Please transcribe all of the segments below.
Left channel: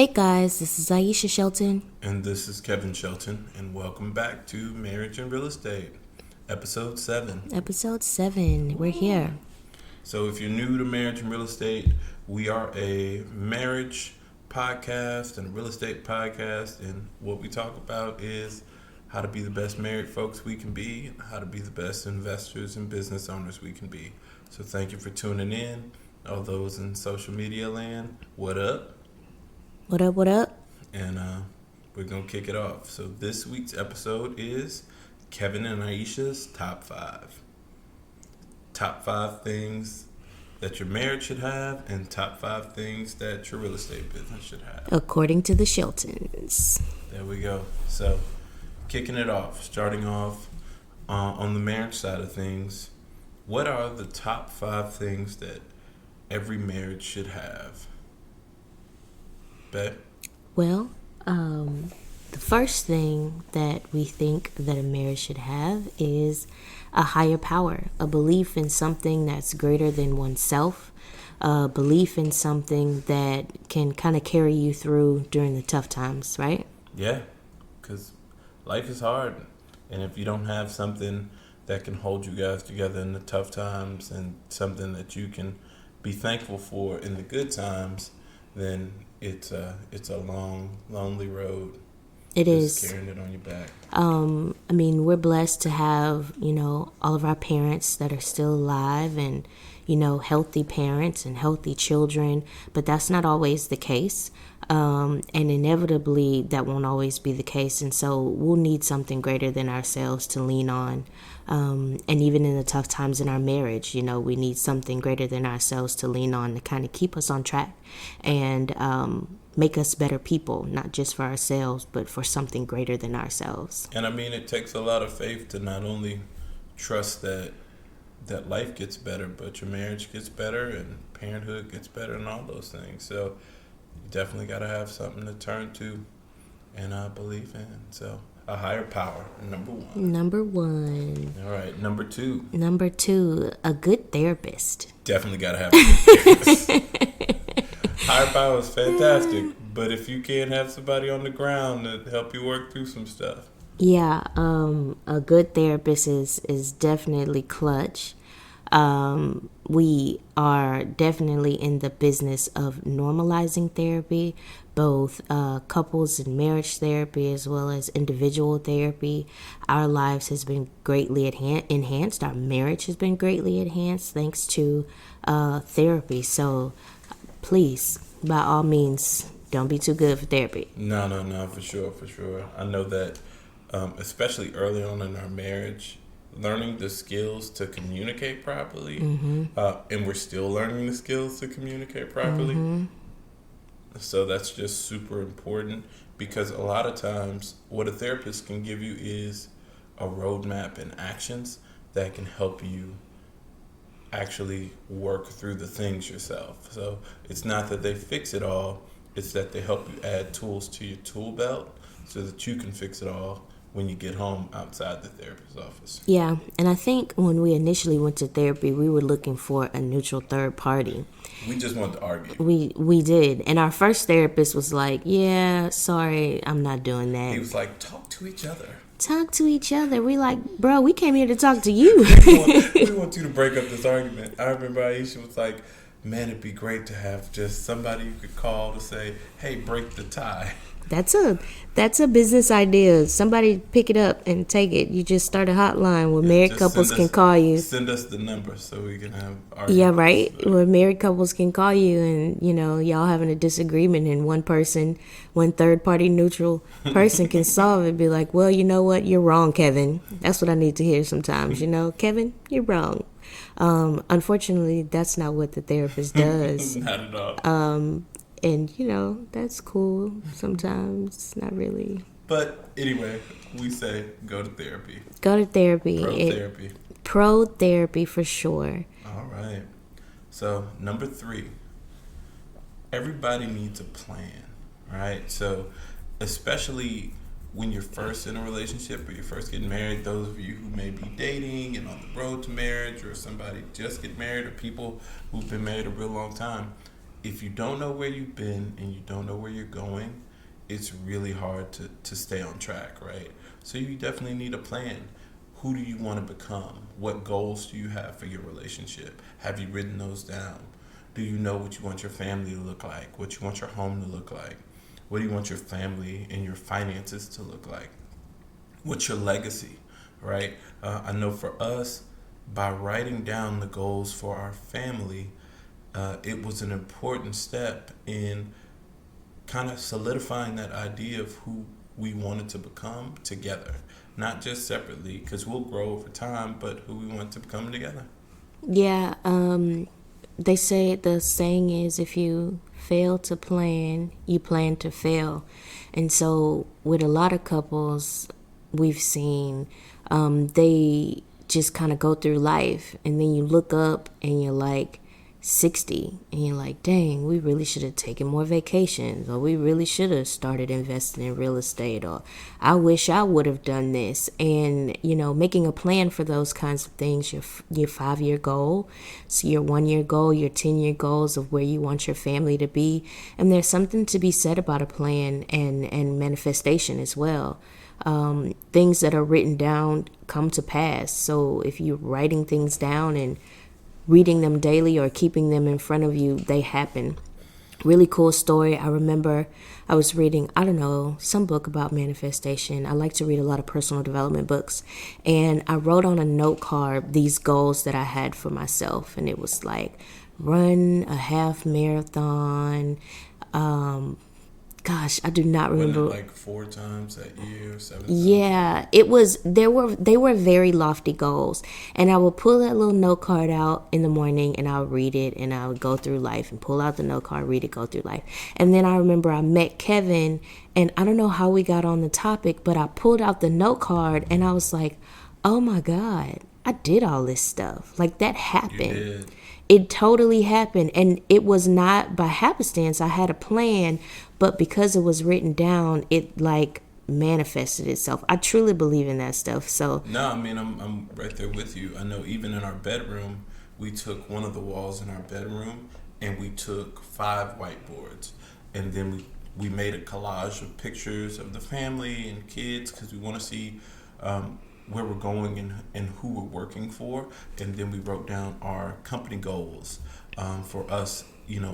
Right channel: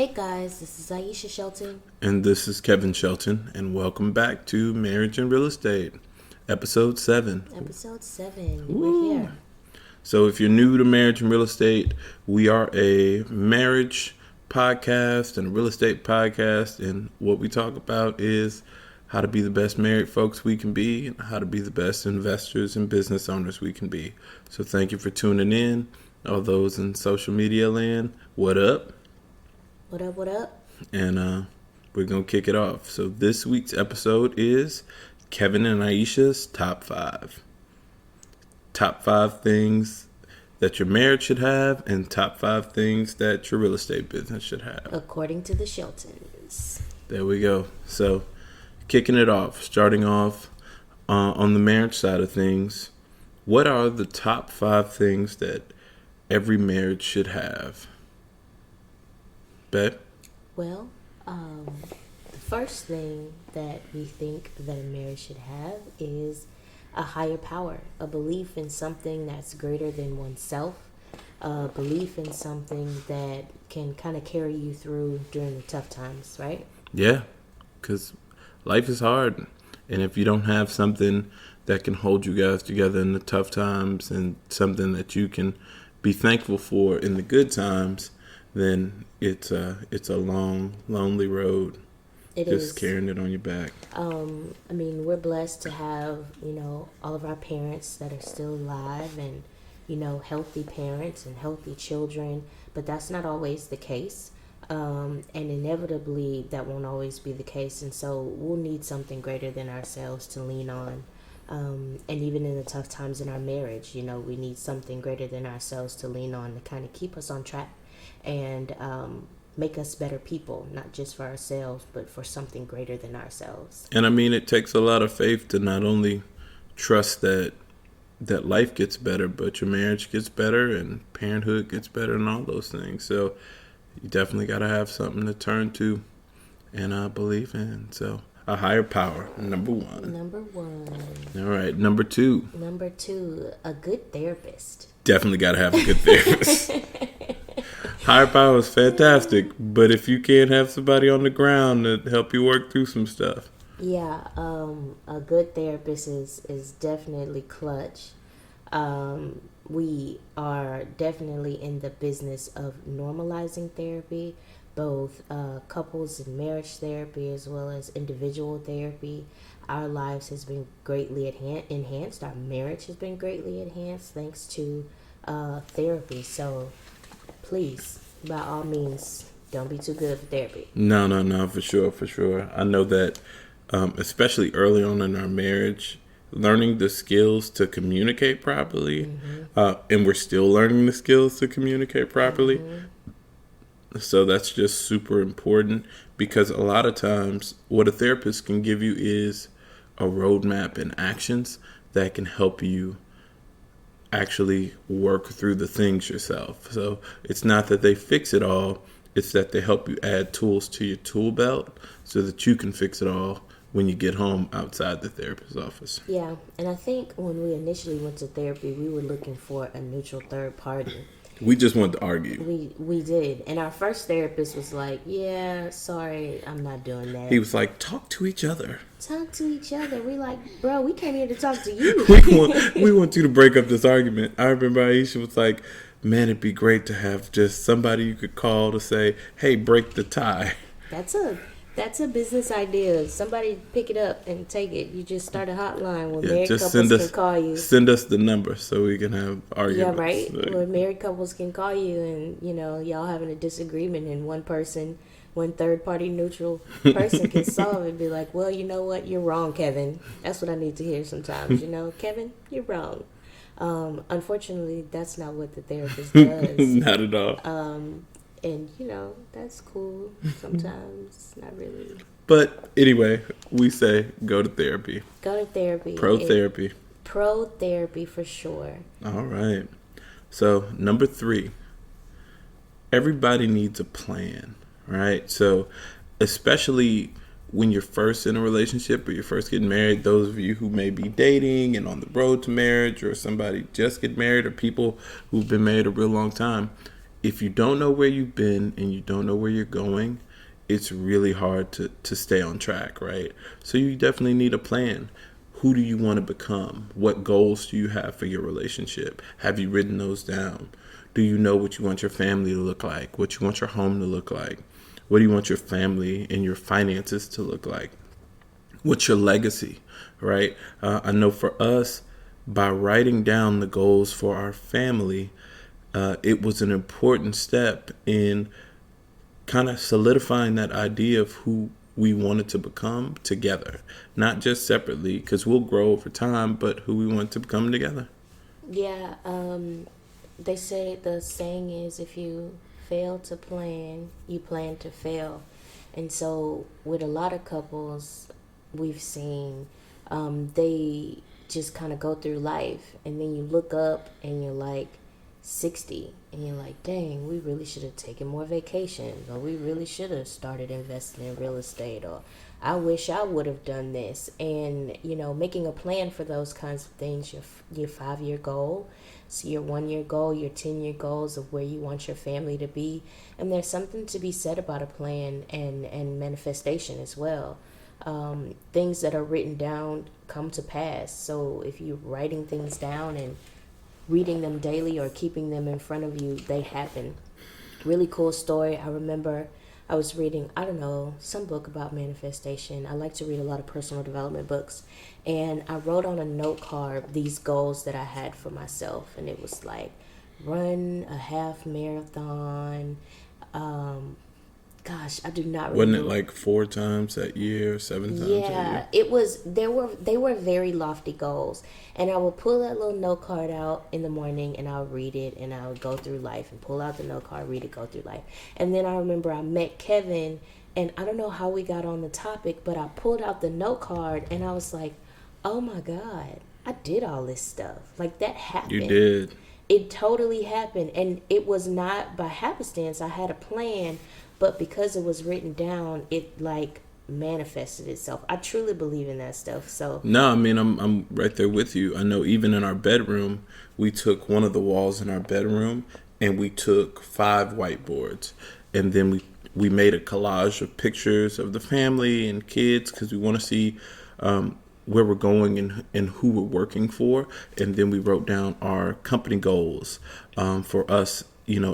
Hey guys, this is Aisha Shelton. And this is Kevin Shelton, and welcome back to Marriage and Real Estate, Episode 7. Episode 7. We're here. So if you're new to Marriage and Real Estate, we are a marriage podcast and a real estate podcast, and what we talk about is how to be the best married folks we can be and how to be the best investors and business owners we can be. So thank you for tuning in. All those in social media land, what up? What up, what up? And we're going to kick it off. So this week's episode is Kevin and Aisha's Top 5. Top 5 things that your marriage should have and top 5 things that your real estate business should have. According to the Sheltons. There we go. So kicking it off, starting off on the marriage side of things, what are the top 5 things that every marriage should have? Bet? Well, the first thing that we think that a marriage should have is a higher power, a belief in something that's greater than oneself, a belief in something that can kind of carry you through during the tough times, right? Yeah, because life is hard. And if you don't have something that can hold you guys together in the tough times and something that you can be thankful for in the good times, then it's a long, lonely road. It is. Just carrying it on your back. I mean, we're blessed to have, all of our parents that are still alive and, healthy parents and healthy children, but that's not always the case. And inevitably, that won't always be the case. And so we'll need something greater than ourselves to lean on. And even in the tough times in our marriage, we need something greater than ourselves to lean on to kind of keep us on track and make us better people, not just for ourselves, but for something greater than ourselves. And I mean, it takes a lot of faith to not only trust that life gets better, but your marriage gets better and parenthood gets better and all those things. So you definitely got to have something to turn to and believe in. So a higher power, number 1. Number 1. All right, number 2. Number 2, a good therapist. Definitely got to have a good therapist. Higher power is fantastic, but if you can't have somebody on the ground to help you work through some stuff. Yeah, a good therapist is definitely clutch. We are definitely in the business of normalizing therapy, both couples and marriage therapy as well as individual therapy. Our lives has been greatly enhanced. Our marriage has been greatly enhanced thanks to therapy. So please, by all means, don't be too good for therapy. No, for sure. I know that especially early on in our marriage, learning the skills to communicate properly, and we're still learning the skills to communicate properly. So that's just super important, because a lot of times what a therapist can give you is a roadmap and actions that can help you actually work through the things yourself. So it's not that they fix it all, it's that they help you add tools to your tool belt so that you can fix it all when you get home outside the therapist's office. Yeah, and I think when we initially went to therapy, we were looking for a neutral third party. We just wanted to argue. We did. And our first therapist was like, yeah, sorry, I'm not doing that. He was like, talk to each other. Talk to each other. We like, bro, we came here to talk to you. we want you to break up this argument. I remember Aisha was like, man, it'd be great to have just somebody you could call to say, hey, break the tie. That's a business idea. Somebody pick it up and take it. You just start a hotline where married couples can call you. Send us the number so we can have arguments. Yeah, right? So. Where married couples can call you and, y'all having a disagreement and one third party neutral person can solve it. Be like, well, you know what? You're wrong, Kevin. That's what I need to hear sometimes. Kevin, you're wrong. Unfortunately, that's not what the therapist does. Not at all. And, that's cool sometimes. Not really. But anyway, we say go to therapy. Go to therapy. Pro-therapy. Pro-therapy for sure. All right. So, number 3. Everybody needs a plan, right? So, especially when you're first in a relationship or you're first getting married, those of you who may be dating and on the road to marriage, or somebody just get married, or people who've been married a real long time, if you don't know where you've been and you don't know where you're going, it's really hard to stay on track, right? So you definitely need a plan. Who do you want to become? What goals do you have for your relationship? Have you written those down? Do you know what you want your family to look like? What you want your home to look like? What do you want your family and your finances to look like? What's your legacy, right? I know for us, by writing down the goals for our family, it was an important step in kind of solidifying that idea of who we wanted to become together, not just separately, because we'll grow over time, but who we want to become together. Yeah, they say the saying is if you fail to plan, you plan to fail. And so, with a lot of couples we've seen, they just kind of go through life, and then you look up and you're like 60, and you're like, dang, we really should have taken more vacations, or we really should have started investing in real estate, or I wish I would have done this. And making a plan for those kinds of things, your 5-year goal, so your 1-year goal, your 10-year goals of where you want your family to be. And there's something to be said about a plan and manifestation as well. Things that are written down come to pass. So if you're writing things down and reading them daily or keeping them in front of you, they happen. Really cool story. I remember I was reading, I don't know, some book about manifestation. I like to read a lot of personal development books. And I wrote on a note card these goals that I had for myself. And it was like, run a half marathon. Gosh, I do not remember. Wasn't it like 4 times that year, 7 times? Yeah, it was. They were very lofty goals, and I would pull that little note card out in the morning, and I would read it, and I would go through life, and pull out the note card, read it, go through life. And then I remember I met Kevin, and I don't know how we got on the topic, but I pulled out the note card, and I was like, "Oh my God, I did all this stuff. Like that happened." You did. It totally happened, and it was not by happenstance. I had a plan, but because it was written down, it like manifested itself. I truly believe in that stuff. So No, I mean, I'm right there with you. I know even in our bedroom, we took one of the walls in our bedroom and we took 5 whiteboards, and then we made a collage of pictures of the family and kids, because we want to see where we're going and who we're working for. And then we wrote down our company goals for us,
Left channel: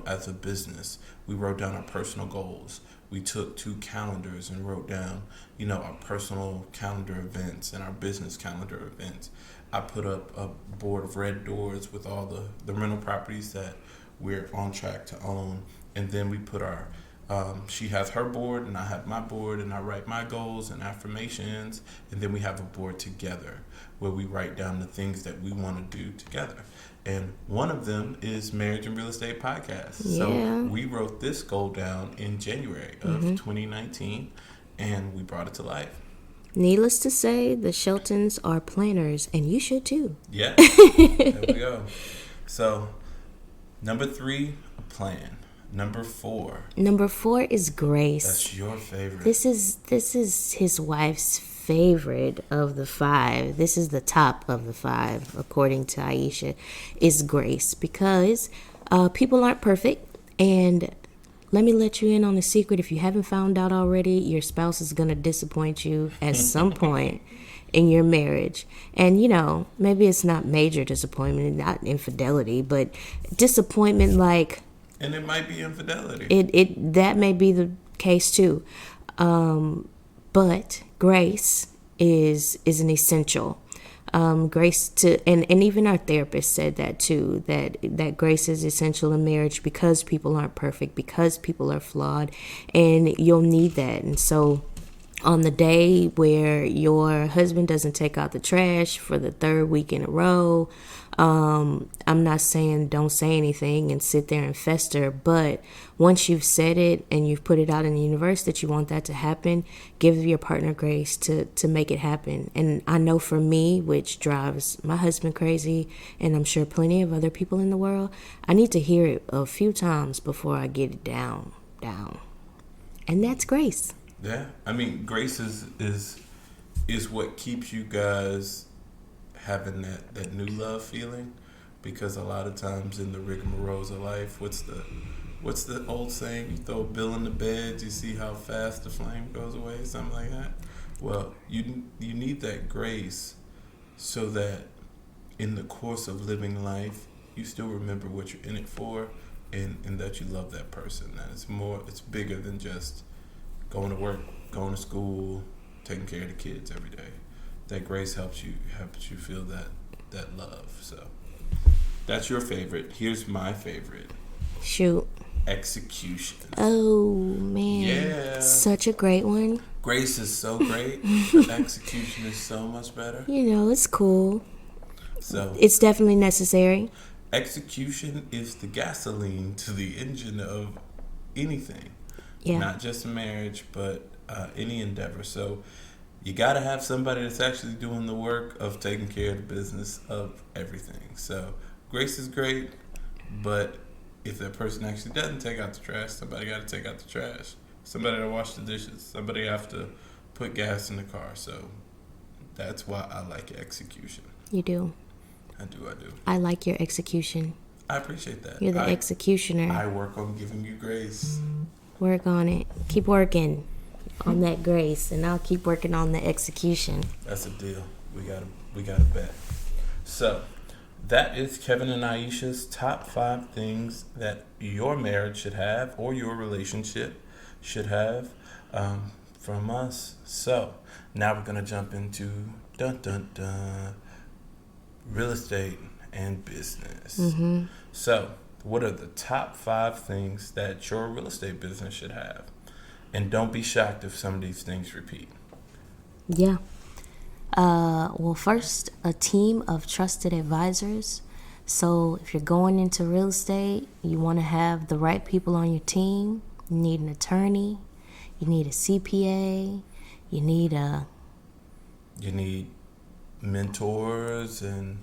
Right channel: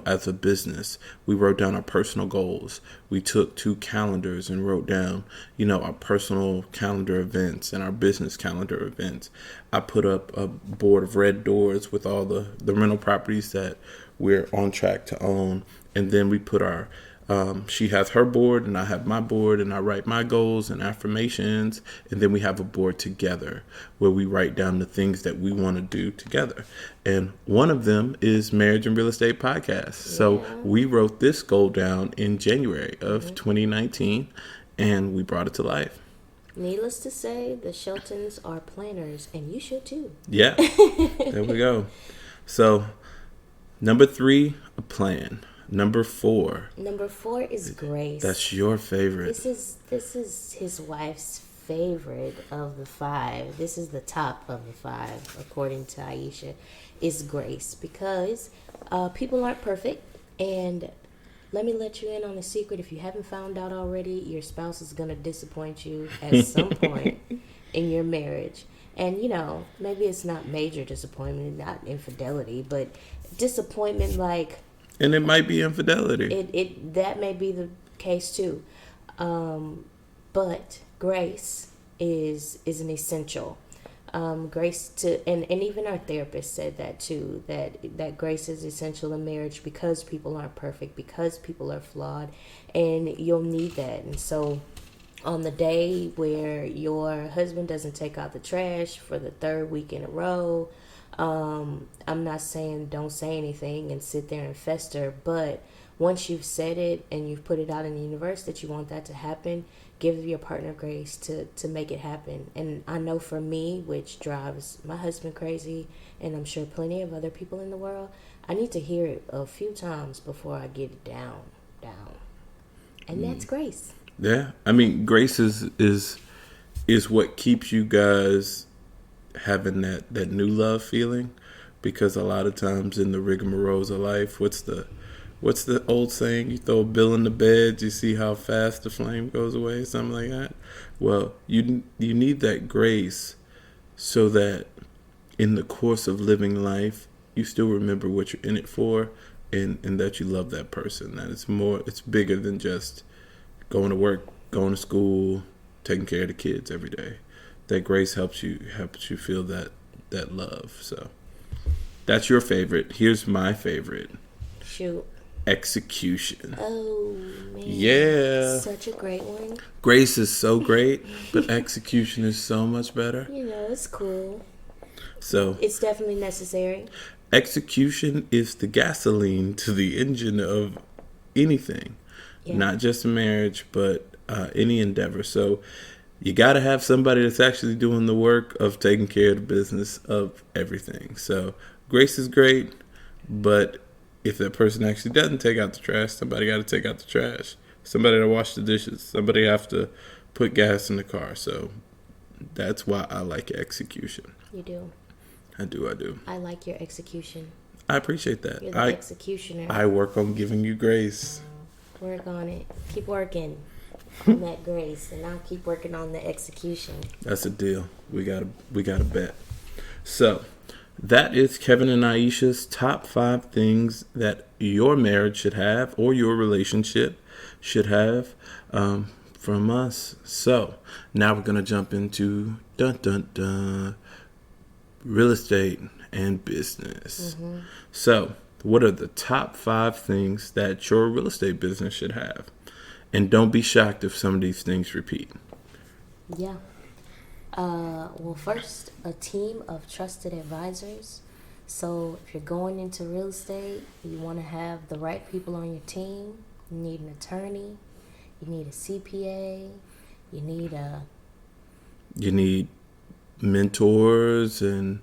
as a business. We wrote down our personal goals. We took 2 calendars and wrote down, our personal calendar events and our business calendar events. I put up a board of red doors with all the rental properties that we're on track to own. And then we put our she has her board and I have my board, and I write my goals and affirmations, and then we have a board together where we write down the things that we want to do together. And one of them is Marriage and Real Estate Podcast. Yeah. So we wrote this goal down in January of 2019, and we brought it to life. Needless to say, the Sheltons are planners, and you should too. Yeah, there we go. So number 3, a plan. Number 4 is Grace. That's your favorite. This is his wife's favorite of the 5. This is the top of the 5, according to Aisha, is Grace, because people aren't perfect. And let me let you in on a secret. If you haven't found out already, your spouse is going to disappoint you at some point in your marriage. And, maybe it's not major disappointment, not infidelity, but disappointment like... And it might be infidelity. That may be the case too. But grace is an essential. Grace and even our therapist said that too, that grace is essential in marriage, because people aren't perfect, because people are flawed, and you'll need that. And so on the day where your husband doesn't take out the trash for the 3rd week in a row, I'm not saying don't say anything and sit there and fester, but once you've said it and you've put it out in the universe that you want that to happen, give your partner grace to make it happen. And I know for me, which drives my husband crazy, and I'm sure plenty of other people in the world, I need to hear it a few times before I get it down. And that's grace. Yeah. I mean, grace is what keeps you guys having that new love feeling, because a lot of times in the rigmaroles of life, what's the what's the old saying? You throw a bill in the bed, you see how fast the flame goes away, something like that. Well, you need that grace so that in the course of living life, you still remember what you're in it for, and that you love that person. That it's bigger than just going to work, going to school, taking care of the kids every day. That grace helps you feel that love. So that's your favorite. Here's my favorite. Shoot. Execution. Oh, man. Yeah. Such a great one. Grace is so great, but execution is so much better. You know, it's cool. So It's definitely necessary. execution is the gasoline to the engine of anything. Yeah. Not just a marriage, but any endeavor. So you got to have somebody that's actually doing the work of taking care of the business of everything. So grace is great, but if that person actually doesn't take out the trash, somebody got to take out the trash. Somebody to wash the dishes. Somebody have to put gas in the car. So that's why I like execution. You do. I do. I like your execution. I appreciate that. You're the executioner. I work on giving you grace. Work on it. Keep working on that grace, and I'll keep working on the execution. That's a deal. We gotta bet. So that is Kevin and Aisha's top 5 things that your marriage should have, or your relationship should have, from us. So now we're gonna jump into real estate and business. Mm-hmm. So what are the top 5 things that your real estate business should have? And don't be shocked if some of these things repeat. Yeah. Well, first, a team of trusted advisors. So if you're going into real estate, you want to have the right people on your team. You need an attorney. You need a CPA. You need mentors and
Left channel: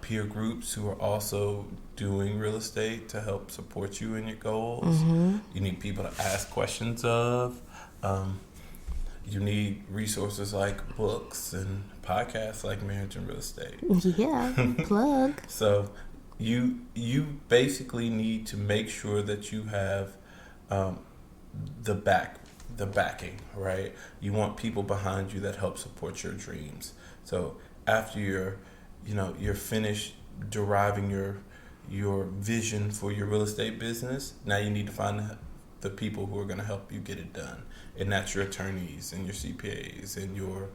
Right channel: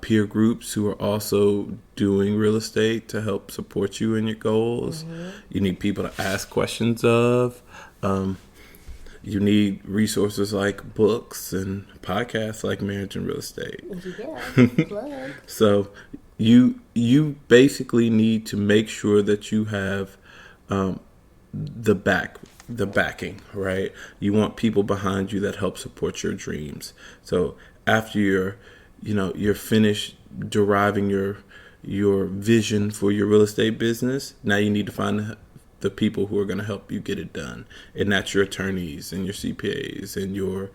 peer groups who are also doing real estate to help support you in your goals. Mm-hmm. You need people to ask questions of. You need resources like books and podcasts like Marriage and Real Estate. Yeah, plug. So you basically need to make sure that you have the backing, right? You want people behind you that help support your dreams. So after you're finished deriving your vision for your real estate business, now you need to find the people who are going to help you get it done. And that's your attorneys and your CPAs and your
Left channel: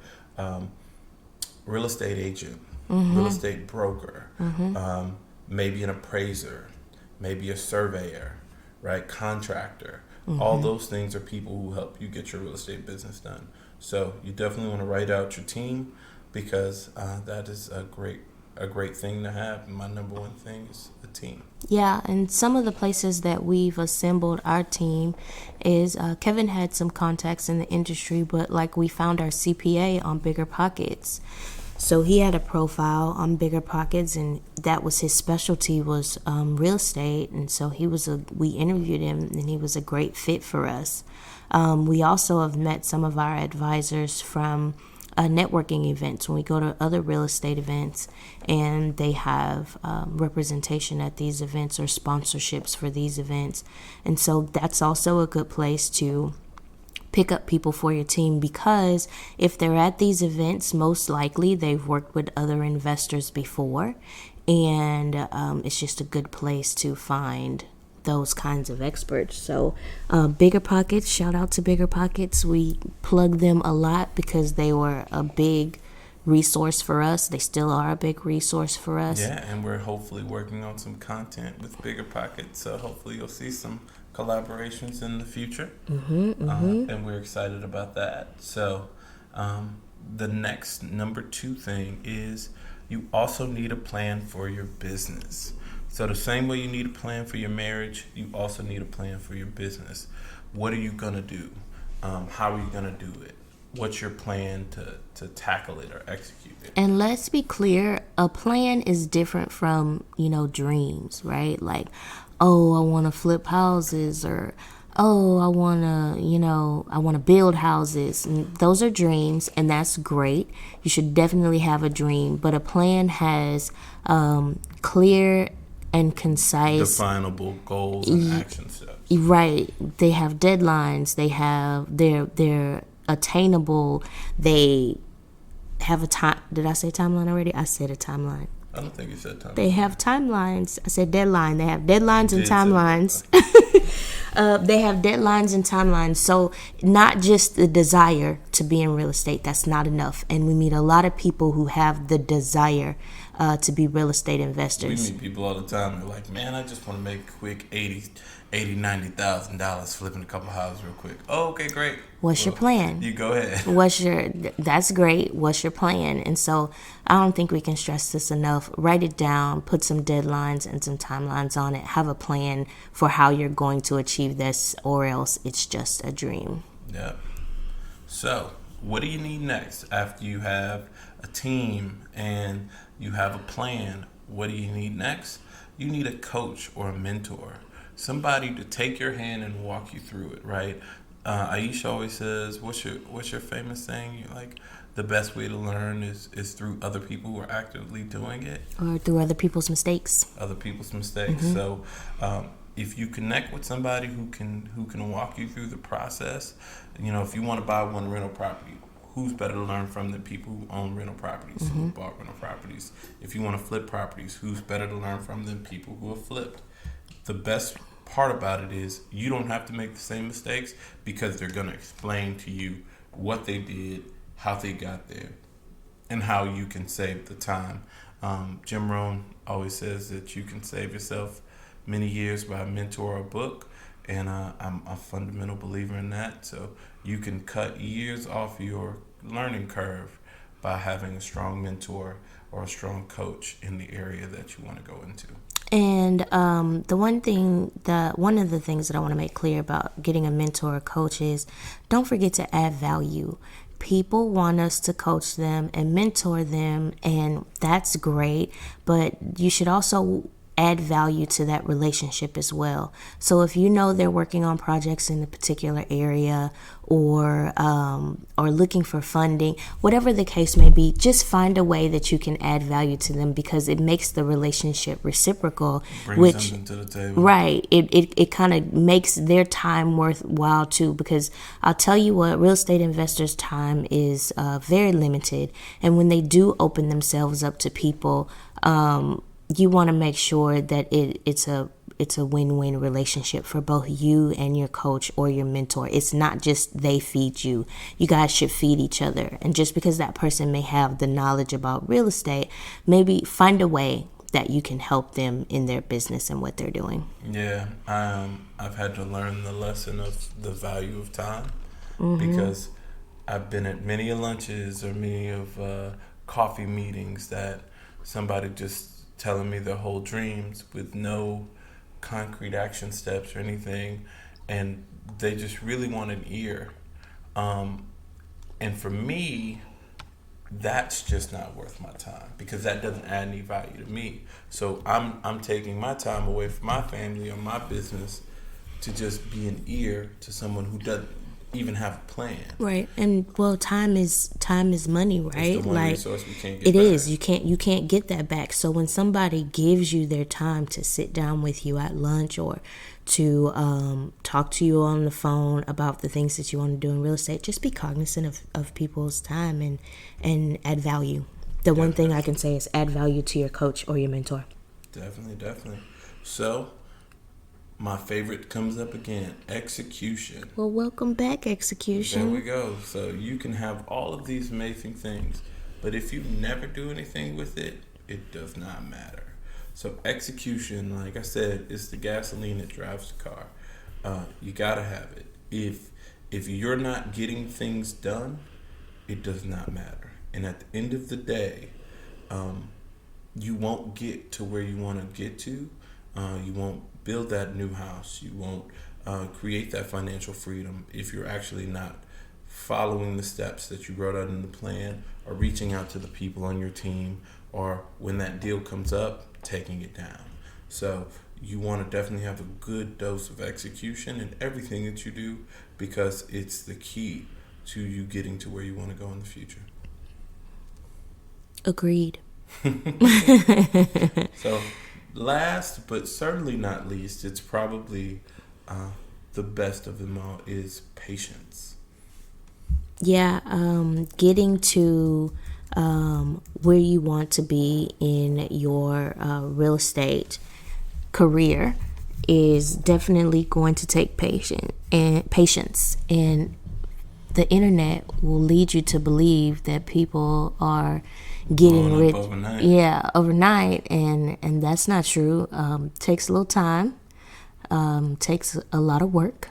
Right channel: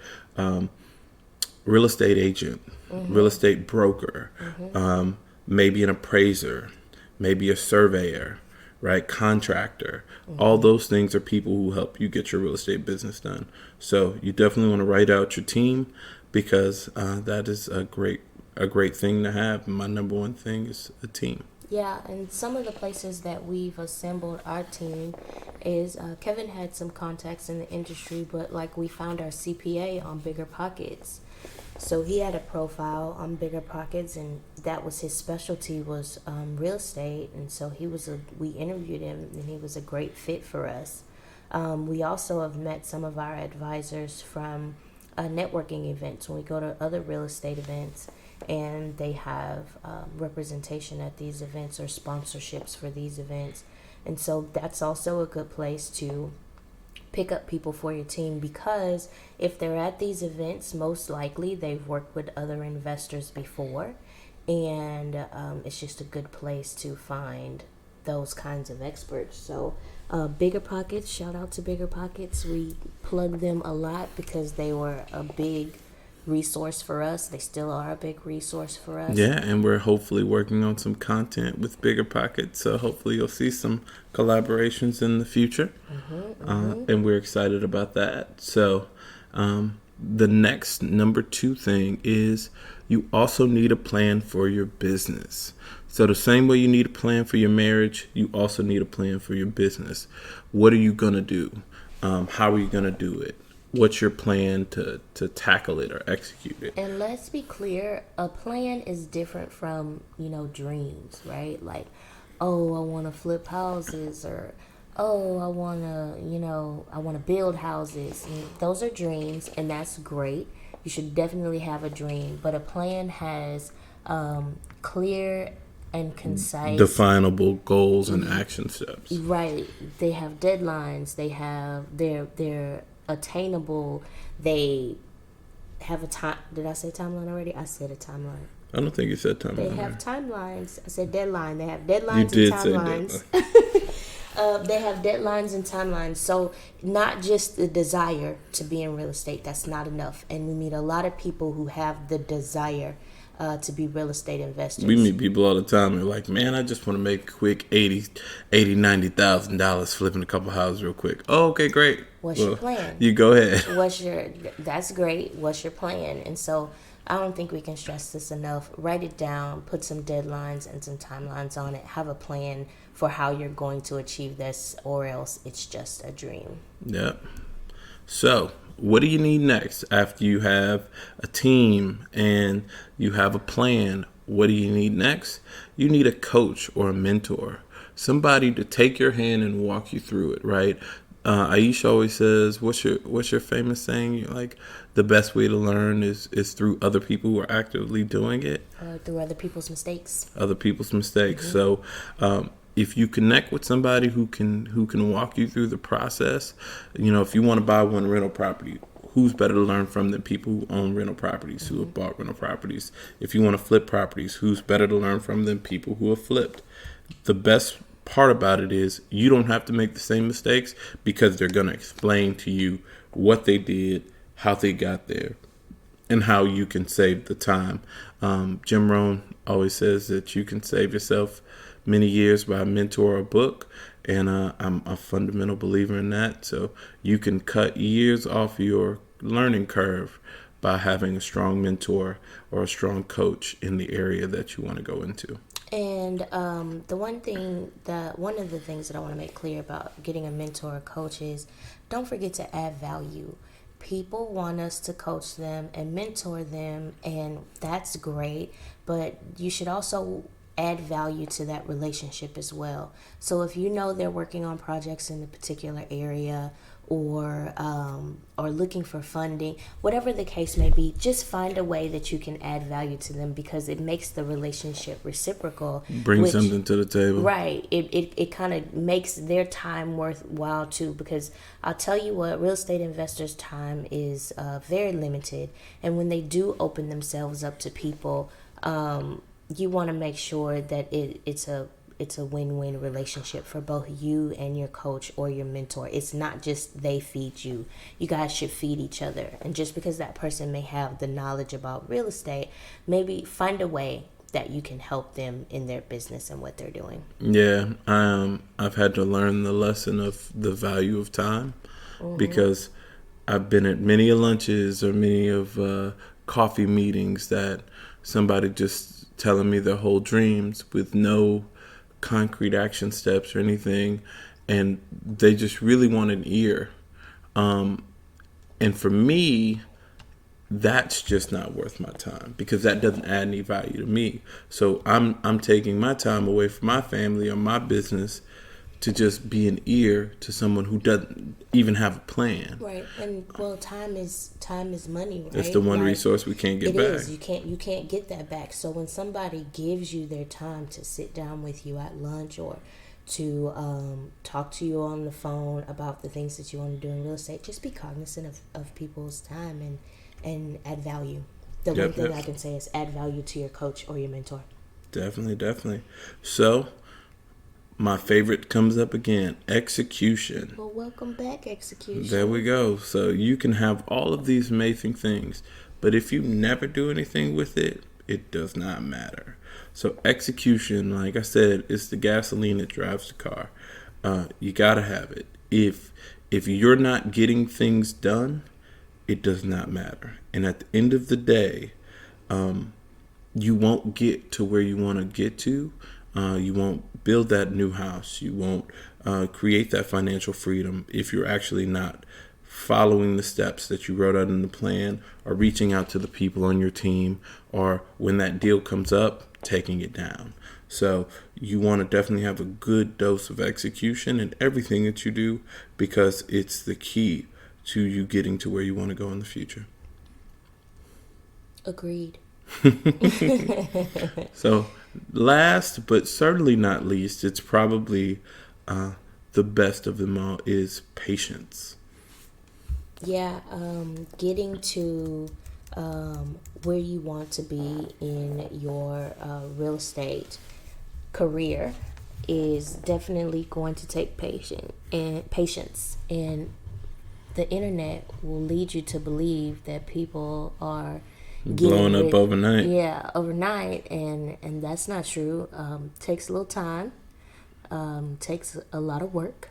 real estate agent, real estate broker, maybe an appraiser, maybe a surveyor, right? Contractor. All those things are people who help you get your real estate business done. So you definitely want to write out your team, because that is a great thing to have. My number one thing is a team. Yeah, and some of the places that we've assembled our team is Kevin had some contacts in the industry, but like we found our CPA on Bigger Pockets. So he had a profile on Bigger Pockets, and that was his specialty, was real estate. And so we interviewed him, and he was a great fit for us. We also have met some of our advisors from networking events, when we go to other real estate events and they have representation at these events or sponsorships for these events. And so that's also a good place to pick up people for your team, because if they're at these events, most likely they've worked with other investors before, and it's just a good place to find those kinds of experts. So Bigger Pockets, shout out to Bigger Pockets. We plug them a lot because they were a big resource for us. They still are a big resource for us. Yeah, and we're hopefully working on some content with Bigger Pockets, so hopefully you'll see some collaborations in the future. And we're excited about that. So the next number 2 thing is you also need a plan for your business. So the same way you need a plan for your marriage, you also need a plan for your business. What are you going to do? How are you going to do it? What's your plan to tackle it or execute it? And let's be clear, a plan is different from, dreams, right? Like, oh, I want to flip houses, or, oh, I want to build houses. And those are dreams, and that's great. You should definitely have a dream, but a plan has clear and concise. Definable goals and action steps. Right. They have deadlines. They have they're attainable. They have a time. Did I say timeline already? I said a timeline. I don't think you said timeline. They have timelines. I said deadline. They have deadlines You and did say timelines. They have deadlines and timelines. So not just the desire to be in real estate. That's not enough. And we meet a lot of people who have the desire to be real estate investors. We meet people all the time. They're like, man, I just want to make quick $90,000 flipping a couple houses real quick. Oh, okay, great. What's your plan? You go ahead. That's great. What's your plan? And so I don't think we can stress this enough. Write it down, put some deadlines and some timelines on it. Have a plan for how you're going to achieve this, or else it's just a dream. Yeah. So, what do you need next after you have a team and you have a plan? What do you need next? You need a coach or a mentor, somebody to take your hand and walk you through it, right? Aisha always says, "What's your famous saying? Like, the best way to learn is through other people who are actively doing it, Or through other people's mistakes." So, if you connect with somebody who can walk you through the process, if you want to buy one rental property, who's better to learn from than people who own rental properties, who have bought rental properties? If you want to flip properties, who's better to learn from than people who have flipped? The best part about it is you don't have to make the same mistakes, because they're going to explain to you what they did, how they got there, and how you can save the time. Jim Rohn always says that you can save yourself many years by a mentor or a book, and I'm a fundamental believer in that. So you can cut years off your learning curve by having a strong mentor or a strong coach in the area that you want to go into. And one of the things that I want to make clear about getting a mentor or coach is, don't forget to add value. People want us to coach them and mentor them, and that's great, but you should also add value to that relationship as well. So if you know they're working on projects in a particular area, or looking for funding, whatever the case may be, just find a way that you can add value to them, because it makes the relationship reciprocal. Bring something to the table. Right. It kind of makes their time worthwhile too, because I'll tell you what, real estate investors' time is very limited. And when they do open themselves up to people, you want to make sure that it's a win-win relationship for both you and your coach or your mentor. It's not just they feed you. You guys should feed each other. And just because that person may have the knowledge about real estate, maybe find a way that you can help them in their business and what they're doing. Yeah, I've had to learn the lesson of the value of time, because I've been at many lunches or many of coffee meetings that somebody just telling me their whole dreams with no concrete action steps or anything, and they just really want an ear. And for me, that's just not worth my time, because that doesn't add any value to me. So I'm taking my time away from my family or my business to just be an ear to someone who doesn't even have a plan. Right. And well, time is money, right? It's the one resource we can't get back. It is. You can't get that back. So when somebody gives you their time to sit down with you at lunch, or to talk to you on the phone about the things that you want to do in real estate, just be cognizant of people's time and add value. The one thing I can say is add value to your coach or your mentor. Definitely. So, my favorite comes up again, execution. Well, welcome back, execution. There we go. So you can have all of these amazing things, but if you never do anything with it, it does not matter. So execution, like I said, is the gasoline that drives the car. You gotta have it. If you're not getting things done, it does not matter. And at the end of the day, you won't get to where you want to get to. You won't build that new house. You won't create that financial freedom if you're actually not following the steps that you wrote out in the plan, or reaching out to the people on your team, or when that deal comes up, taking it down. So you want to definitely have a good dose of execution in everything that you do, because it's the key to you getting to where you want to go in the future. Agreed. So, last but certainly not least, it's probably the best of them all is patience. Yeah, getting to where you want to be in your real estate career is definitely going to take patience, and the internet will lead you to believe that people are getting Blowing up rich, overnight. yeah, overnight, and that's not true. Takes a little time, takes a lot of work,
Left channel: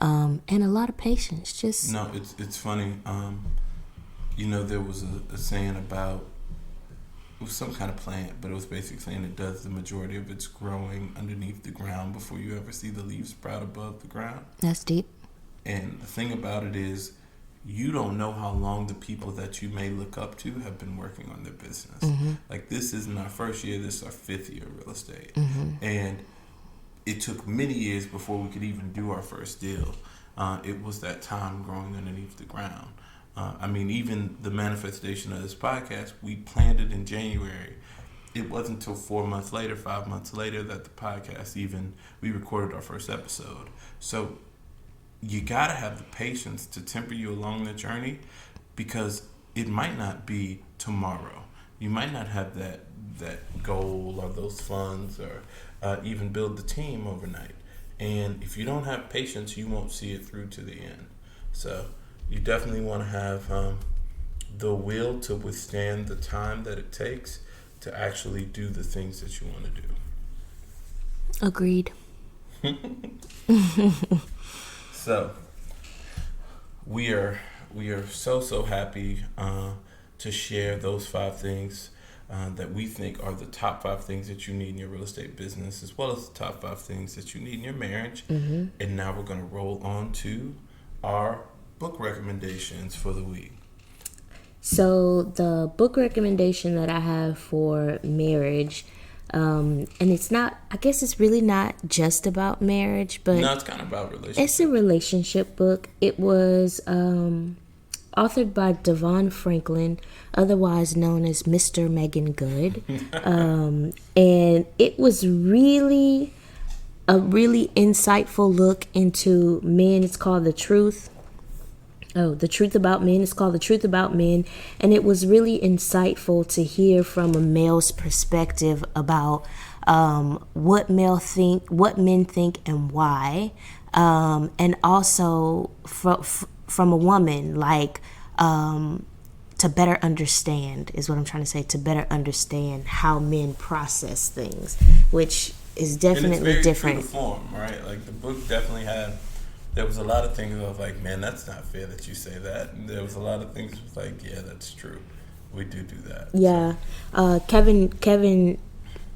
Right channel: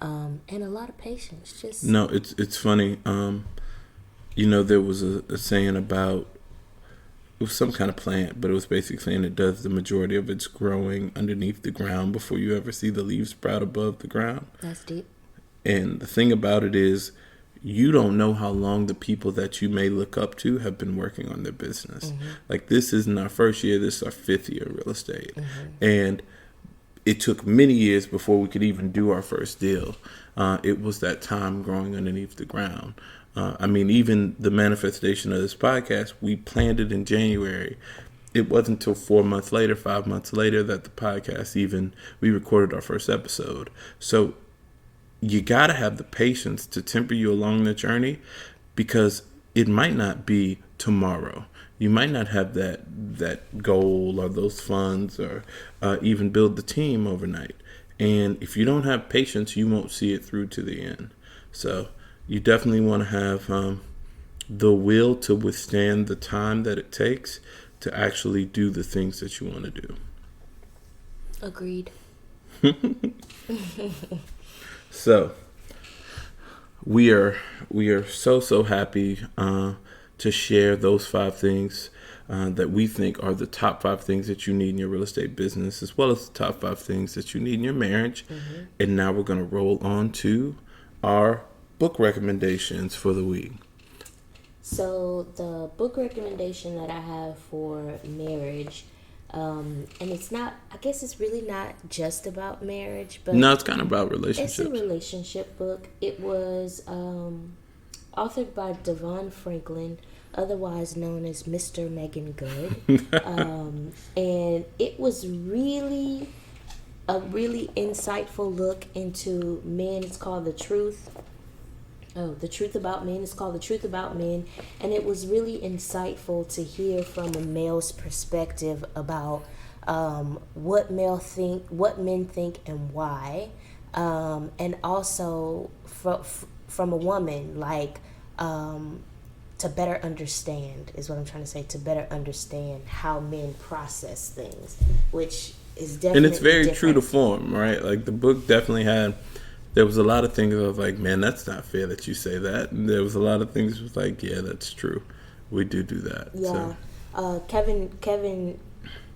and a lot of patience. Just No, it's funny. There was a saying about, it was some kind of plant, but it was basically saying it does the majority of its growing underneath the ground before you ever see the leaves sprout above the ground. that's deep. And the thing about it is, you don't know how long the people that you may look up to have been working on their business. Like, this isn't our first year, this is our 5th year of real estate. And it took many years before we could even do our first deal. It was that time growing underneath the ground. Even the manifestation of this podcast, we planned it in January. It wasn't until 4 months later, 5 months later, that the podcast we recorded our first episode. So you got to have the patience to temper you along the journey, because it might not be tomorrow. You might not have that goal or those funds or even build the team overnight. And if you don't have patience, you won't see it through to the end. So you definitely want to have the will to withstand the time that it takes to actually do the things that you want to do. Agreed. So we are so happy to share those 5 things that we think are the top 5 things that you need in your real estate business, as well as the top 5 things that you need in your marriage. And now we're going to roll on to our book recommendations for the week. So the book recommendation that I have for marriage, and it's not, I guess it's really not just about marriage, but No, it's kind of about relationships. it's a relationship book. It was authored by Devon Franklin, otherwise known as Mr. Megan Good. And it was really a really insightful look into men. It's called The Truth. The Truth About Men. It's called The Truth About Men. And it was really insightful to hear from a male's perspective about what men think and why. And also from a woman, like, to better understand, is what I'm trying to say, to better understand how men process things, which is definitely And it's very different. true to form, right? Like, the book definitely there was a lot of things I was like, man, that's not fair that you say that. And there was a lot of things was like, yeah, that's true. We do that. Yeah. So. Kevin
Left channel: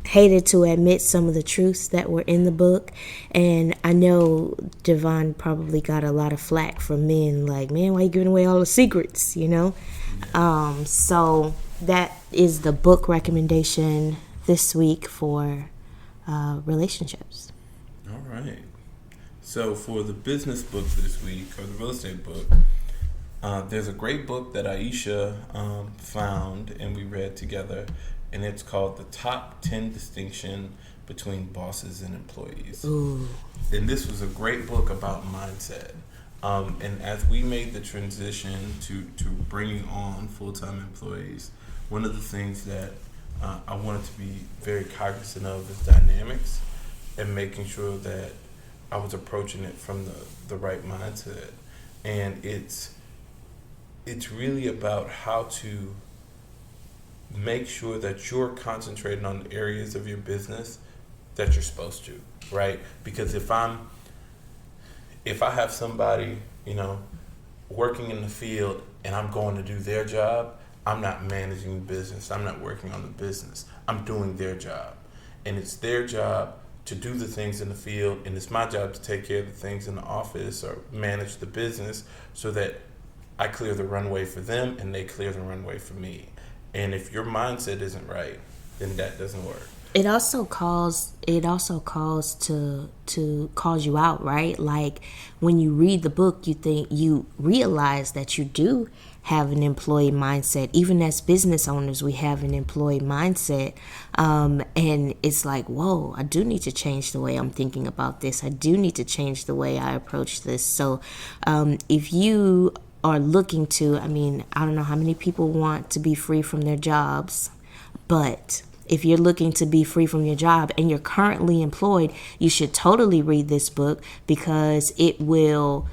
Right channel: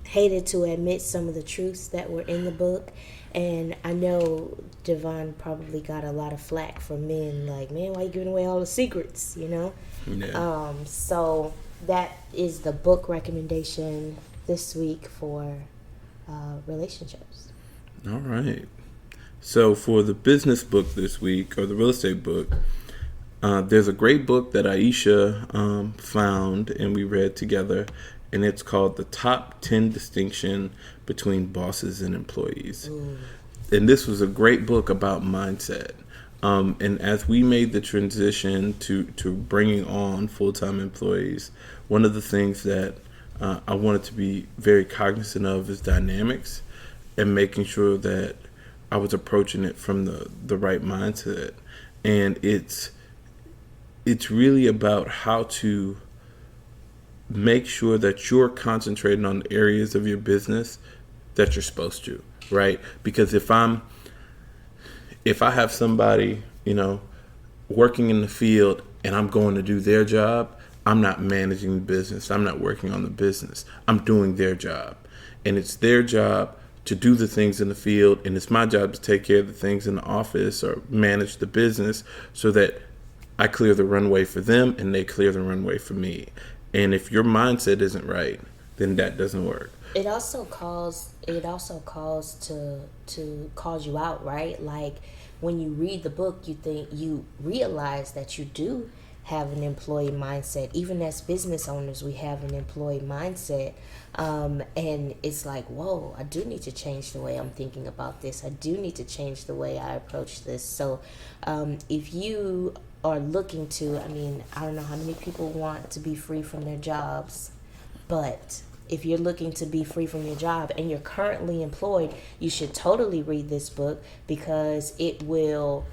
hated to admit some of the truths that were in the book, and I know Devon probably got a lot of flack from men, like, man, why you giving away all the secrets, Yeah. So that is the book recommendation this week for relationships. All right. So for the business book this week, or the real estate book, there's a great book that Aisha found and we read together, and it's called The Top 10 Distinction Between Bosses and Employees. Ooh. And this was a great book about mindset. And as we made the transition to bringing on full-time employees, one of the things that I wanted to be very cognizant of is dynamics, and making sure that I was approaching it from the right mindset. And it's really about how to make sure that you're concentrating on the areas of your business that you're supposed to, right? Because if I have somebody, working in the field and I'm going to do their job, I'm not managing the business. I'm not working on the business. I'm doing their job. And it's their job to do the things in the field, and it's my job to take care of the things in the office or manage the business so that I clear the runway for them and they clear the runway for me. And if your mindset isn't right, then that doesn't work. It also calls to calls you out, right? Like, when you read the book, you realize that you do have an employee mindset. Even as business owners, we have an employee mindset. And it's like, whoa, I do need to change the way I'm thinking about this. I do need to change the way I approach this. So if you are looking to, I mean, I don't know how many people want to be free from their jobs, but if you're looking to be free from your job and you're currently employed, you should totally read this book, because it will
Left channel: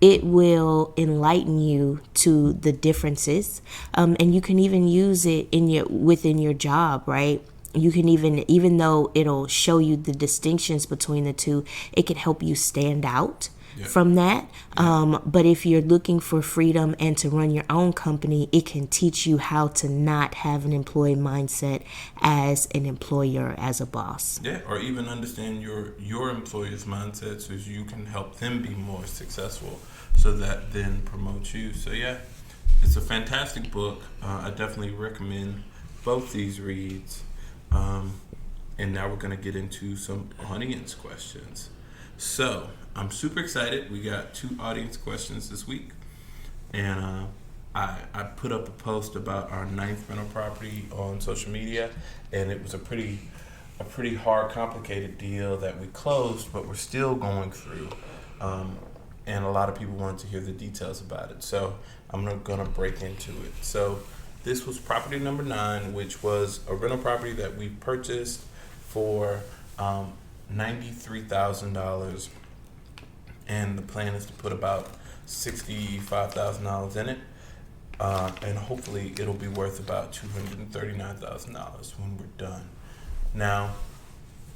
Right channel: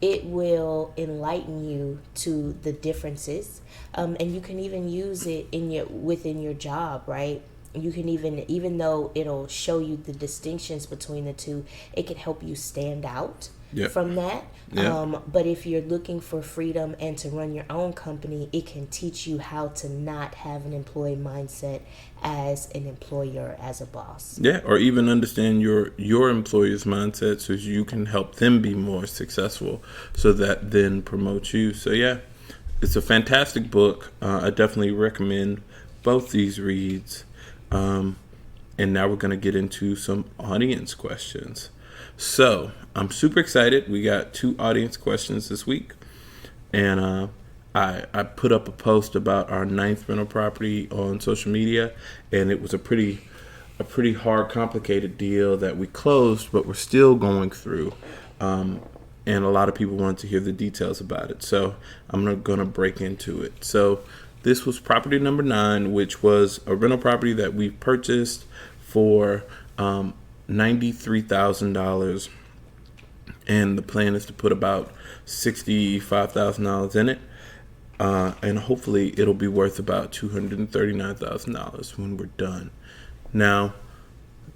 enlighten you to the differences, and you can even use it within your job, right? You can even though it'll show you the distinctions between the two, it can help you stand out from that. But if you're looking for freedom and to run your own company, it can teach you how to not have an employee mindset as an employer, as a boss. Yeah, or even understand your employer's mindset so you can help them be more successful, so that then promotes you. So yeah, it's a fantastic book. I definitely recommend both these reads. And now we're going to get into some audience questions. So I'm super excited. We got 2 audience questions this week. And I put up a post about our 9th rental property on social media. And it was a pretty hard, complicated deal that we closed, but we're still going through. And a lot of people wanted to hear the details about it. So I'm going to break into it. So this was property number 9, which was a rental property that we purchased for $93,000, and the plan is to put about $65,000 in it, and hopefully it'll be worth about $239,000 when we're done. Now,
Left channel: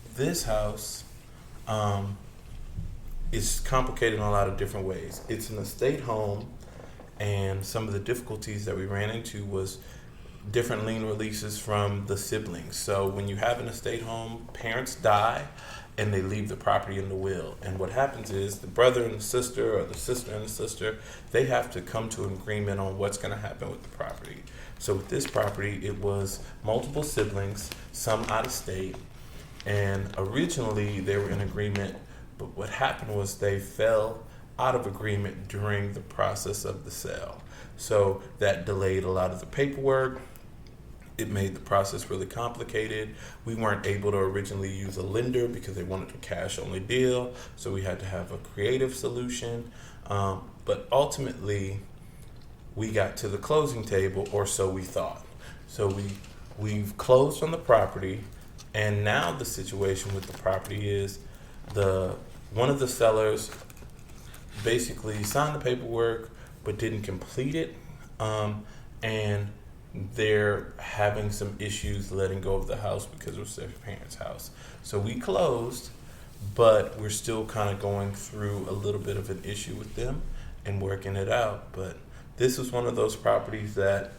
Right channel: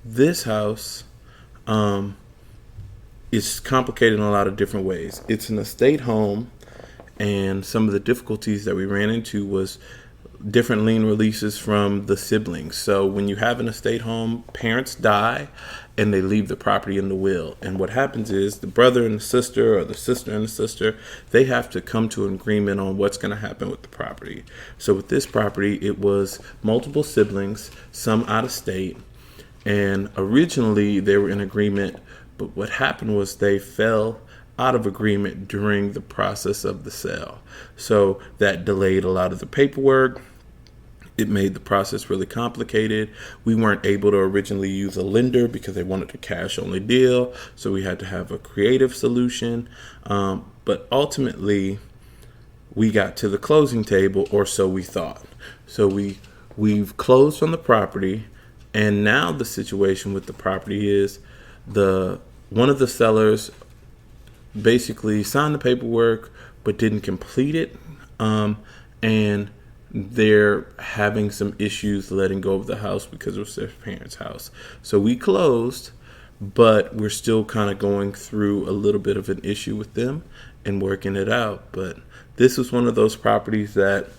this house is complicated in a lot of different ways. It's an estate home, and some of the difficulties that we ran into was different lien releases from the siblings. So when you have an estate home, parents die and they leave the property in the will. And what happens is the brother and the sister, or the sister and the sister, they have to come to an agreement on what's going to happen with the property. So with this property, it was multiple siblings, some out of state, and originally they were in agreement, but what happened was they fell out of agreement during the process of the sale. So that delayed a lot of the paperwork. It made the process really complicated. We weren't able to originally use a lender because they wanted a cash only deal. So we had to have a creative solution. But ultimately, we got to the closing table, or so we thought. So we've closed on the property. And now the situation with the property is one of the sellers basically signed the paperwork but didn't complete it, and they're having some issues letting go of the house because it was their parents' house. So we closed, but we're still kind of going through a little bit of an issue with them and working it out. But this is one of those properties that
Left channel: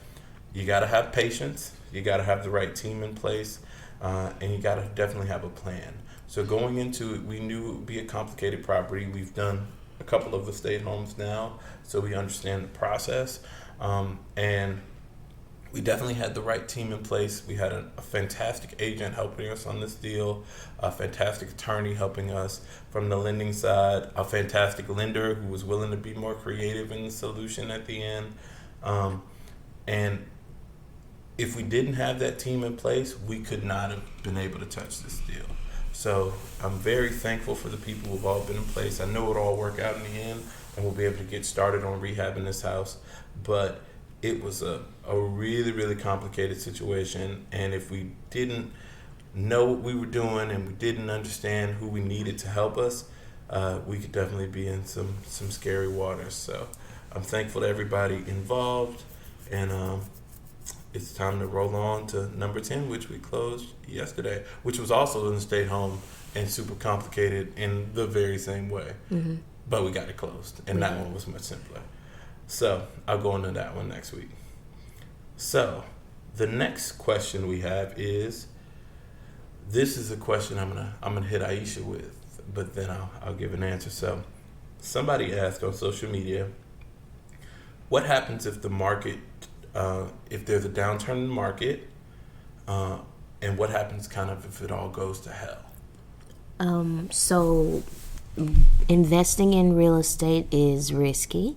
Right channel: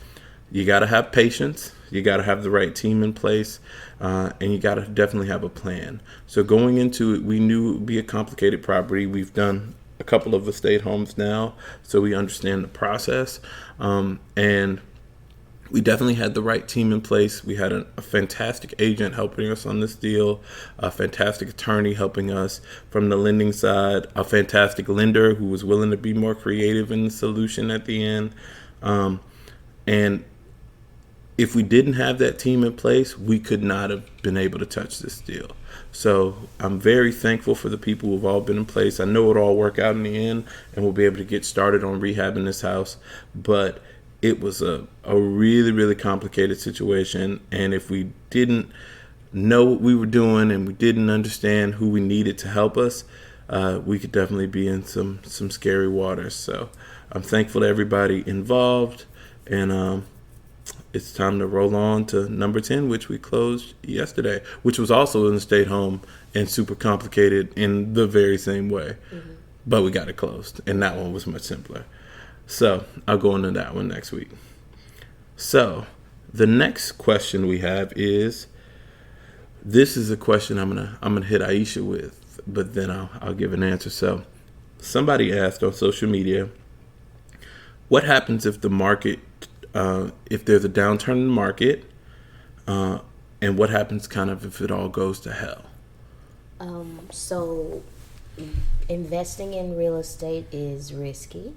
you got to have patience, you got to have the right team in place, and you got to definitely have a plan. So going into it, we knew it would be a complicated property. We've done a couple of estate homes now, so we understand the process, and we definitely had the right team in place. We had a fantastic agent helping us on this deal, a fantastic attorney helping us from the lending side, a fantastic lender who was willing to be more creative in the solution at the end. And if we didn't have that team in place, we could not have been able to touch this deal. So I'm very thankful for the people who have all been in place. I know it'll all work out in the end, and we'll be able to get started on rehabbing this house. But it was a really, really complicated situation. And if we didn't know what we were doing and we didn't understand who we needed to help us, we could definitely be in some scary waters. So I'm thankful to everybody involved. And it's time to roll on to number 10, which we closed yesterday, which was also an estate home and super complicated in the very same way. Mm-hmm. But we got it closed, and that one was much simpler. So I'll go into that one next week. So the next question we have is, this is a question I'm gonna hit Aisha with, but then I'll give an answer. So somebody asked on social media, what happens if the market, if there's a downturn in the market, and what happens kind of if it all goes to hell? So investing in real estate is risky.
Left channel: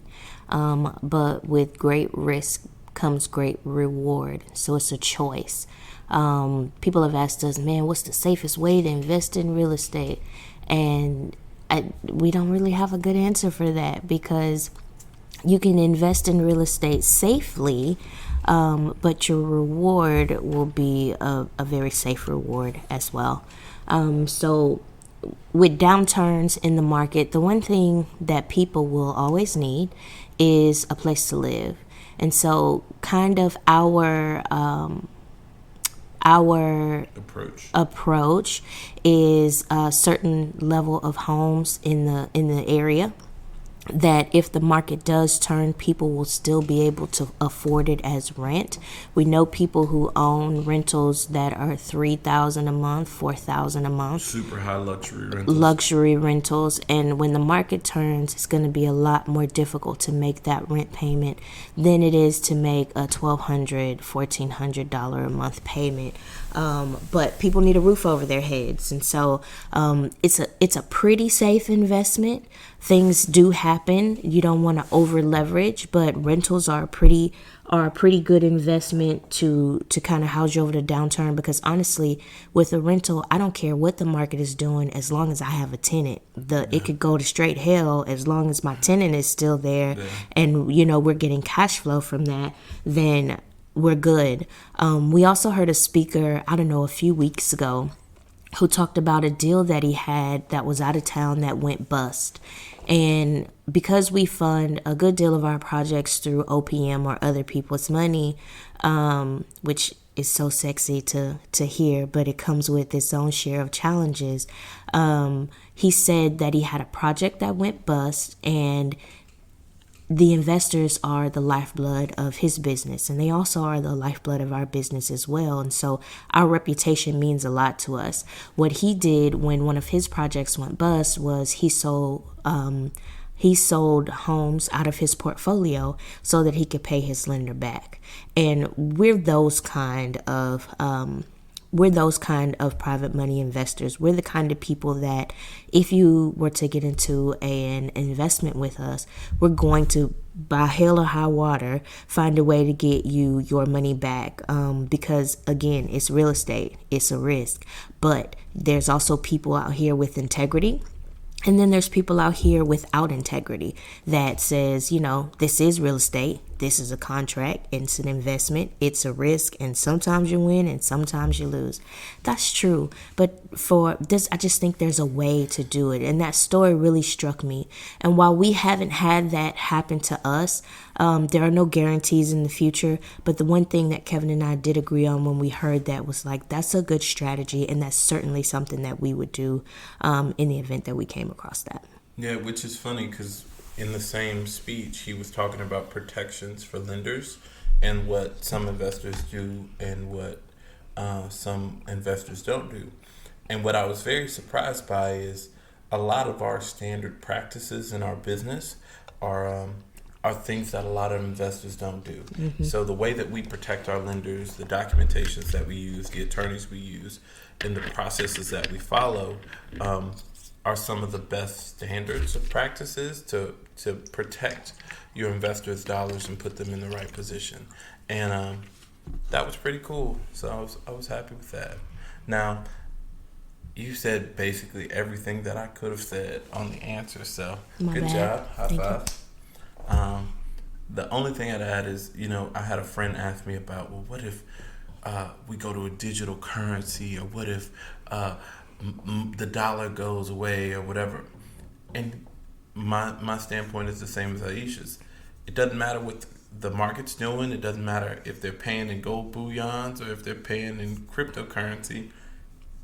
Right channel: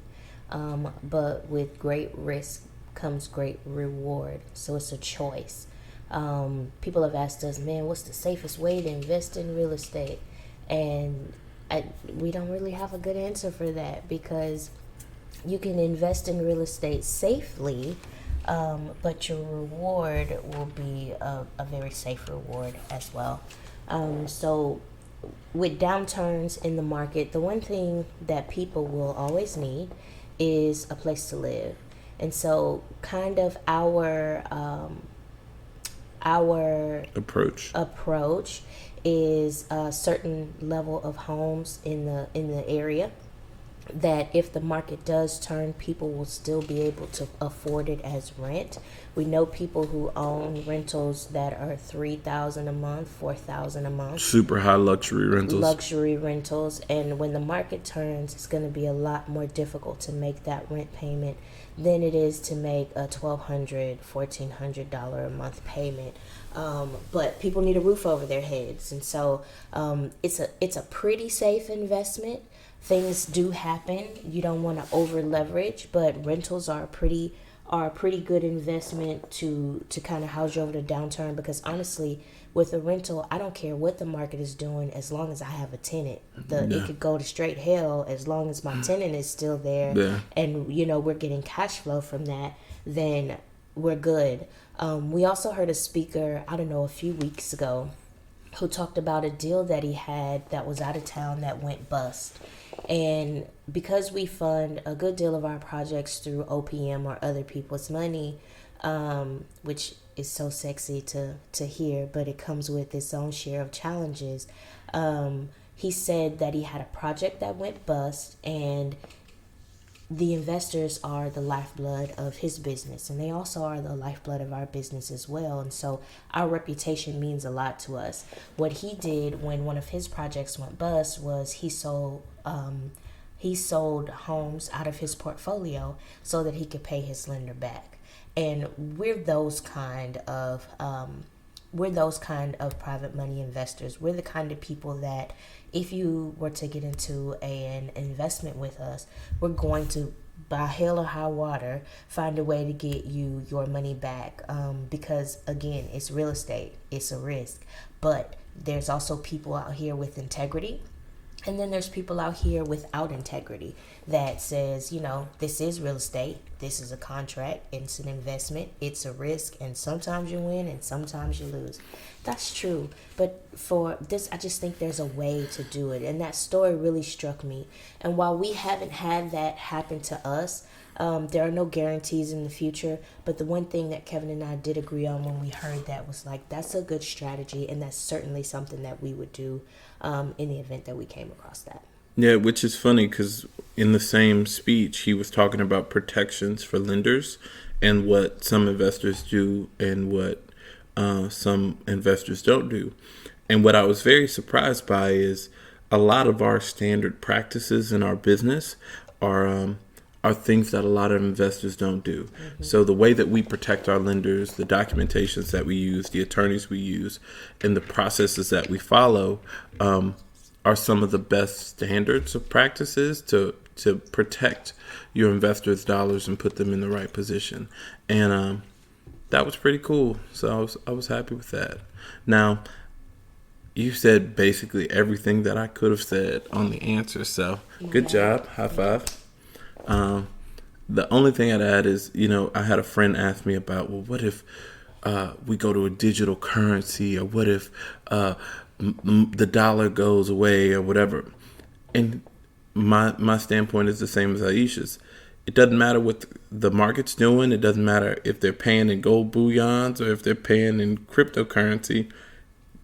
but with great risk comes great reward. So it's a choice. People have asked us, man, what's the safest way to invest in real estate? And we don't really have a good answer for that, because you can invest in real estate safely, but your reward will be a very safe reward as well. So with downturns in the market, the one thing that people will always need is a place to live. And so kind of our approach is a certain level of homes in the area that if the market does turn, people will still be able to afford it as rent. We know people who own rentals that are $3,000 a month, $4,000 a month. Super high luxury rentals. Luxury rentals. And when the market turns, it's going to be a lot more difficult to make that rent payment than it is to make a $1,200, $1,400 a month payment. But people need a roof over their heads, and so it's a pretty safe investment. Things do happen. You don't want to over leverage, but rentals are a pretty good investment to kind of house you over the downturn, because honestly, with a rental, I don't care what the market is doing as long as I have a tenant. It could go to straight hell as long as my tenant is still there, and we're getting cash flow from that, then we're good. We also heard a speaker, I don't know, a few weeks ago, who talked about a deal that he had that was out of town that went bust. And because we fund a good deal of our projects through OPM or other people's money, which is so sexy to hear, but it comes with its own share of challenges. He said that he had a project that went bust, and the investors are the lifeblood of his business, and they also are the lifeblood of our business as well. And so our reputation means a lot to us. What he did when one of his projects went bust was he sold homes out of his portfolio so that he could pay his lender back. And we're those kind of private money investors. We're the kind of people that if you were to get into an investment with us, we're going to, by hell or high water, find a way to get you your money back. Because again, it's real estate, it's a risk. But there's also people out here with integrity. And then there's people out here without integrity that says, this is real estate. This is a contract. It's an investment. It's a risk. And sometimes you win and sometimes you lose. That's true. But for this, I just think there's a way to do it. And that story really struck me. And while we haven't had that happen to us, there are no guarantees in the future. But the one thing that Kevin and I did agree on when we heard that was like, that's a good strategy. And that's certainly something that we would do in the event that we came across that. Yeah, which is funny because in the same speech, he was talking about protections for lenders and what some investors do and what some investors don't do. And what I was very surprised by is a lot of our standard practices in our business are things that a lot of investors don't do. Mm-hmm. So the way that we protect our lenders, the documentations that we use, the attorneys we use, and the processes that we follow are some of the best standards of practices to protect your investors' dollars and put them in the right position. And that was pretty cool. So I was happy with that. Now, you said basically everything that I could have said on the answer. So good job. High five. The only thing I'd add is, I had a friend ask me about, well, what if we go to a digital currency, or what if the dollar goes away or whatever. And my standpoint is the same as Aisha's. It doesn't matter what the market's doing. It doesn't matter if they're paying in gold bullions or if they're paying in cryptocurrency.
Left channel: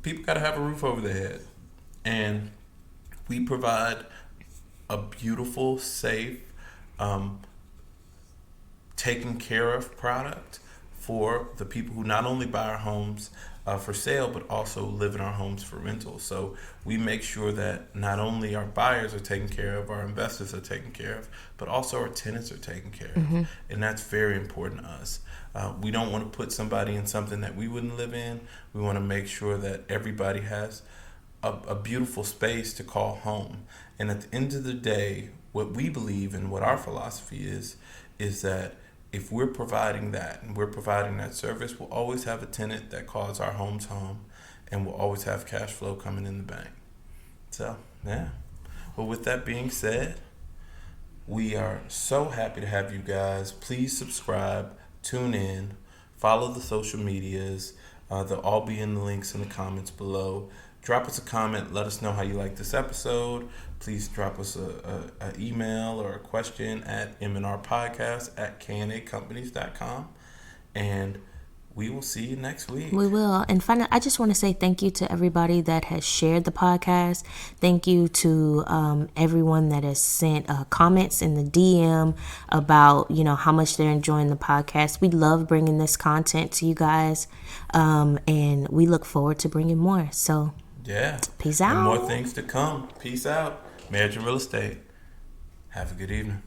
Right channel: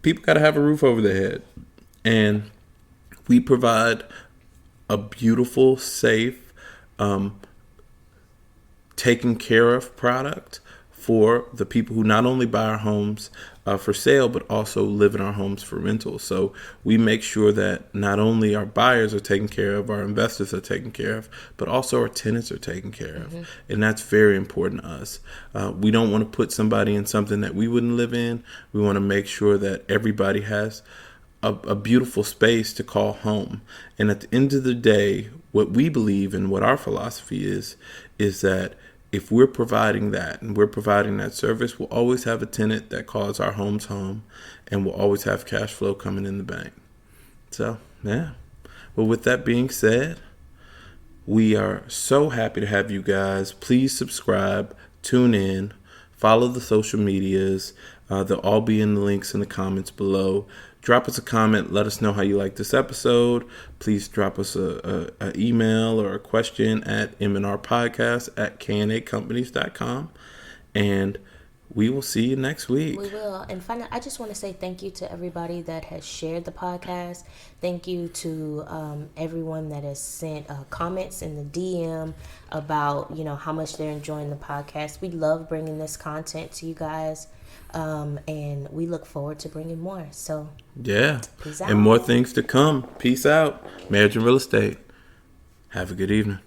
People got to have a roof over their head. And we provide a beautiful, safe, taken care of product for the people who not only buy our homes for sale, but also live in our homes for rental. So we make sure that not only our buyers are taken care of, our investors are taken care of, but also our tenants are taken care of. And that's very important to us. We don't want to put somebody in something that we wouldn't live in. We want to make sure that everybody has a beautiful space to call home. And at the end of the day, what we believe and what our philosophy is that if we're providing that and we're providing that service, we'll always have a tenant that calls our homes home, and we'll always have cash flow coming in the bank. So, yeah. Well, with that being said, we are so happy to have you guys. Please subscribe, tune in, follow the social medias. They'll all be in the links in the comments below. Drop us a comment. Let us know how you like this episode. Please drop us a email or a question at mnrpodcast@knacompanies.com. And we will see you next week. We will. And finally, I just want to say thank you to everybody that has shared the podcast. Thank you to everyone that has sent comments in the DM about, how much they're enjoying the podcast. We love bringing this content to you guys. And we look forward to bringing more. So, yeah. Peace out. And more things to come. Peace out. Marriage and Real Estate. Have a good evening.